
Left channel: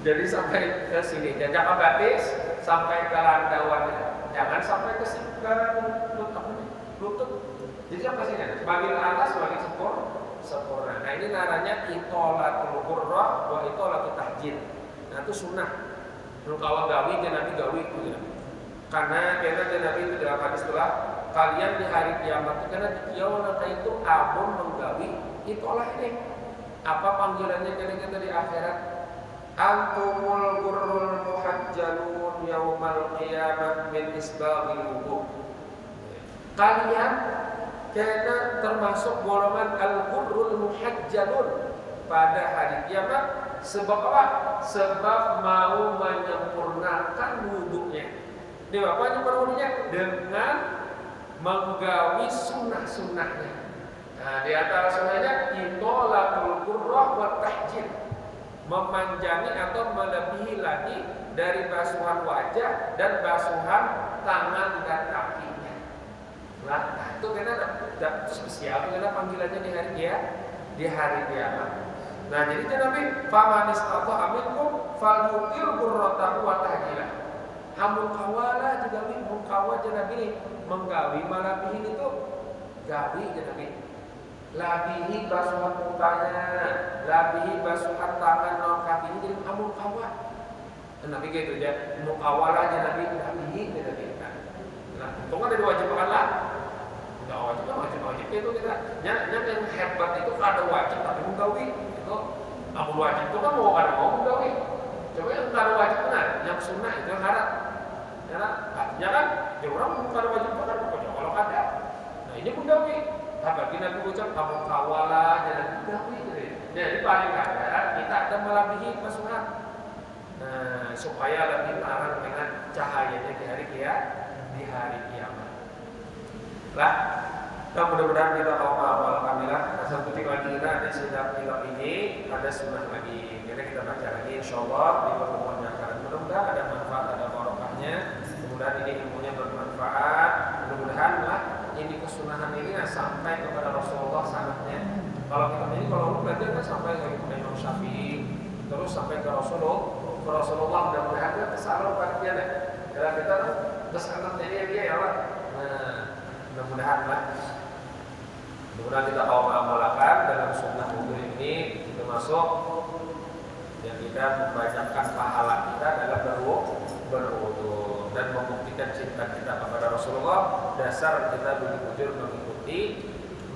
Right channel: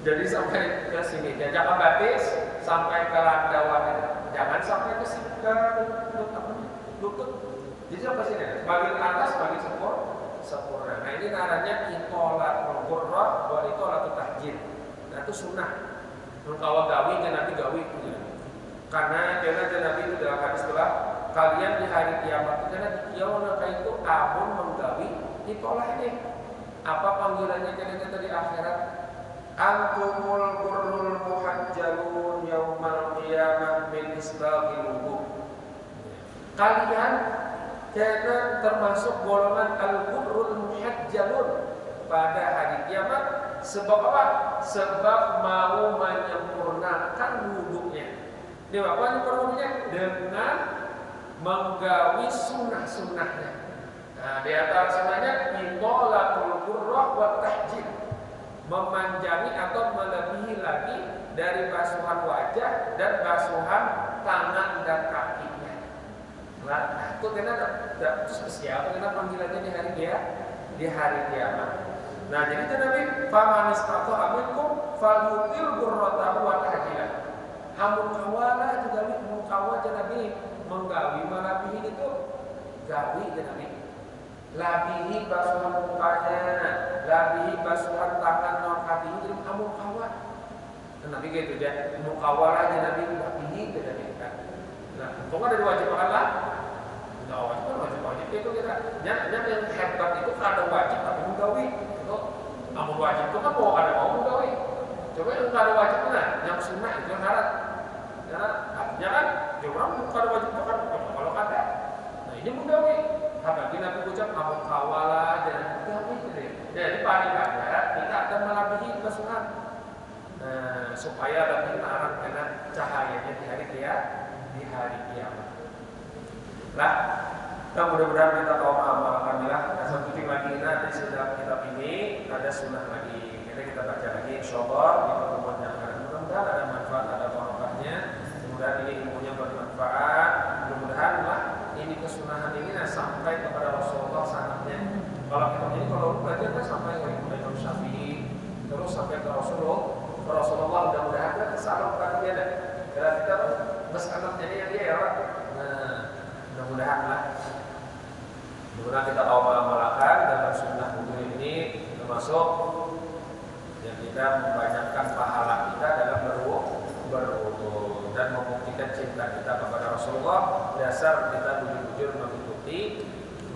Jadi sampai ke sini, jangan batis sampai ke randauannya, jangan sampai ke lutut. Jadi sampai sini, bagian atas, bagian sempurna. Nah ini namanya itolatul ghurrah wa itolatul tahjil. Nah itu sunnah. Kalau gawi Nabi gawi itu Nabi. Karena Nabi itu dalam hadis itulah kalian di hari kiamat karena yaumul itu abun menggawi itulah ini. Apa panggilannya kita di akhirat? Antumul ghurrul muhajjalun yaumal qiyamah min isbaghil wudu. Kalian karena termasuk golongan al-ghurrul muhajjalun pada hari kiamat. Sebab apa? Sebab mau menyempurnakan wudunya. Ini apa menyempurnakan wudunya? Dengan menggawi sunnah-sunnahnya. Nah, di antara sunnahnya itolatul ghurrah wa tahjil. Memanjangi atau melebihi lagi dari basuhan wajah dan basuhan tangan dan kakinya. Nah, itu karena itu spesial, karena panggilannya di hari kiamat. Nah, jadi Nabi famanis atau aminkum falyutil ghurratahu wa tahjilah. Hamun kawala juga mun kawa Nabi menggawi malabihi itu gawi Nabi. Labihi basuhan mukanya, labihi basuhan tangan non kakinya jadi amun kawa. Nabi gitu aja, mukawala aja Nabi labihi Nabi kan. Nah, untung ada diwajibkan lah. Udah wajib itu kita. Yang hebat itu ada wajib tapi menggawi. Itu amun wajib itu kan mau ada mau menggawi. Coba yang ada wajib mana? Yang sunnah itu yang syarat. Artinya kan, dia orang ada wajib itu kan kalau ada. Nah ini menggawi. Apalagi Nabi ucap amun kawala jangan gawi gitu. Jadi paling kada kita ada melebihi basuhan. Nah, supaya lebih terang dengan cahayanya di hari kiamat. Lah, dan mudah-mudahan kita mau mengamalkannya. Nah, satu titik lagi di kitab ini ada sunnah lagi. Kita baca lagi insyaallah di pertemuan yang akan. Mudah-mudahan ada manfaat, ada barokahnya. Mudah-mudahan ini ilmunya bermanfaat. Mudah-mudahan lah ini kesunahan ini sampai kepada Rasulullah sanadnya. Kalau kita ini kalau belajar kan sampai ke Imam Syafi'i, terus sampai ke Rasulullah mudah-mudahan kita tersalurkan dia deh. Karena kita bersanad jadi dia ya Allah. Nah, mudah-mudahan lah. Mudah-mudahan kita amalkan dalam sunnah wudu ini termasuk yang kita membanyakan pahala kita dalam berwudu dan membuktikan cinta kita kepada Rasulullah. Dasar kita bujur-bujur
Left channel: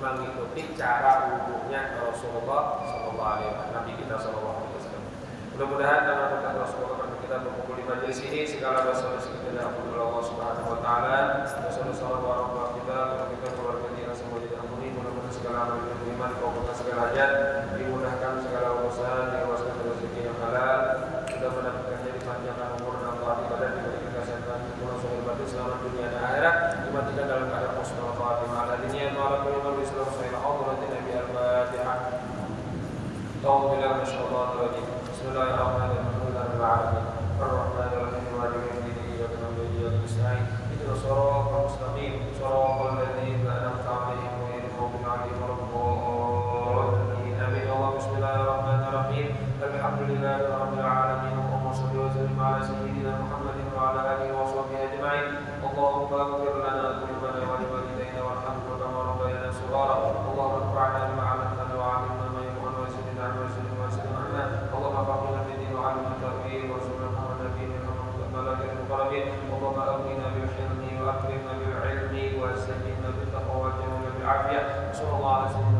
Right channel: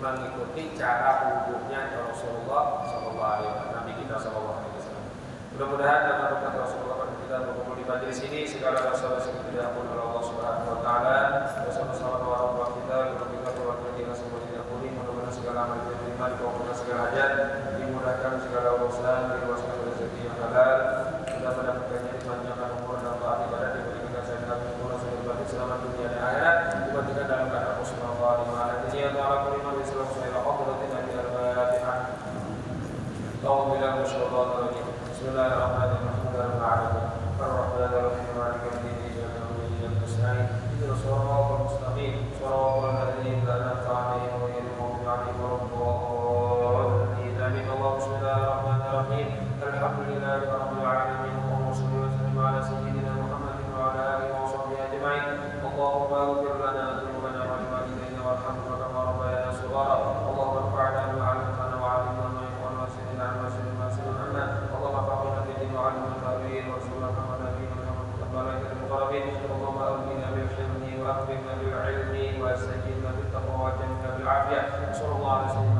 mengikuti cara wudunya Rasulullah sallallahu alaihi wasallam, Nabi kita sallallahu alaihi wasallam. Mudah-mudahan dengan berkat Rasulullah kita berkumpul di majelis ini segala dosa-dosa kita diampuni oleh Allah Subhanahu wa taala. Dosa-dosa orang kita, keluarga kita semuanya diampuni. Mudah-mudahan segala amal kita diterima, dikabulkan segala hajat, dimudahkan segala urusan, diluaskan segala rezeki yang halal. Kita mendapatkannya dipanjangkan umur dan taat ibadah diberi kekasih kami pulang sahih batin selamat dunia dan akhirat. Dimatikan dalam keadaan husnul khatimah. Al-diniyah wa ala kulli man bisallam sahila hadratin Nabi al-Fatihah. Ta'awudzu billahi minasyaitonir rajim. Bismillahirrahmanirrahim. Alhamdulillahirabbil Ar-Rahmanirrahim. Maliki yaumiddin. Iyyaka na'budu wa iyyaka nasta'in. Ihdinas siratal mustaqim. Siratal ladzina an'amta 'alaihim ghairil maghdubi 'alaihim waladdallin. Amin. Allahumma bismillahirrahmanirrahim. Alhamdulillahirabbil alamin. Allahumma shalli wa sallim 'ala sayyidina Muhammadin wa 'ala alihi wa sahbihi ajma'in. Allahumma ighfir lana dhunubana wa liwalidayna warhamna kama rabbayana shighara. Allahumma anfa'na bima 'allamtana wa 'allimna ma yanfa'una wa zidna 'ilman wa zidna 'anna. Allahumma faqihna fid din wa 'allimna ta'wil wa rasulna Muhammad nabiyina Muhammad malaikatil muqarrabin. Allahumma aghnina bil hilmi wa akrimna bil 'ilmi wa sayyidna bit taqwa wa jamilna bil 'afiyah. Sallallahu alaihi wasallam.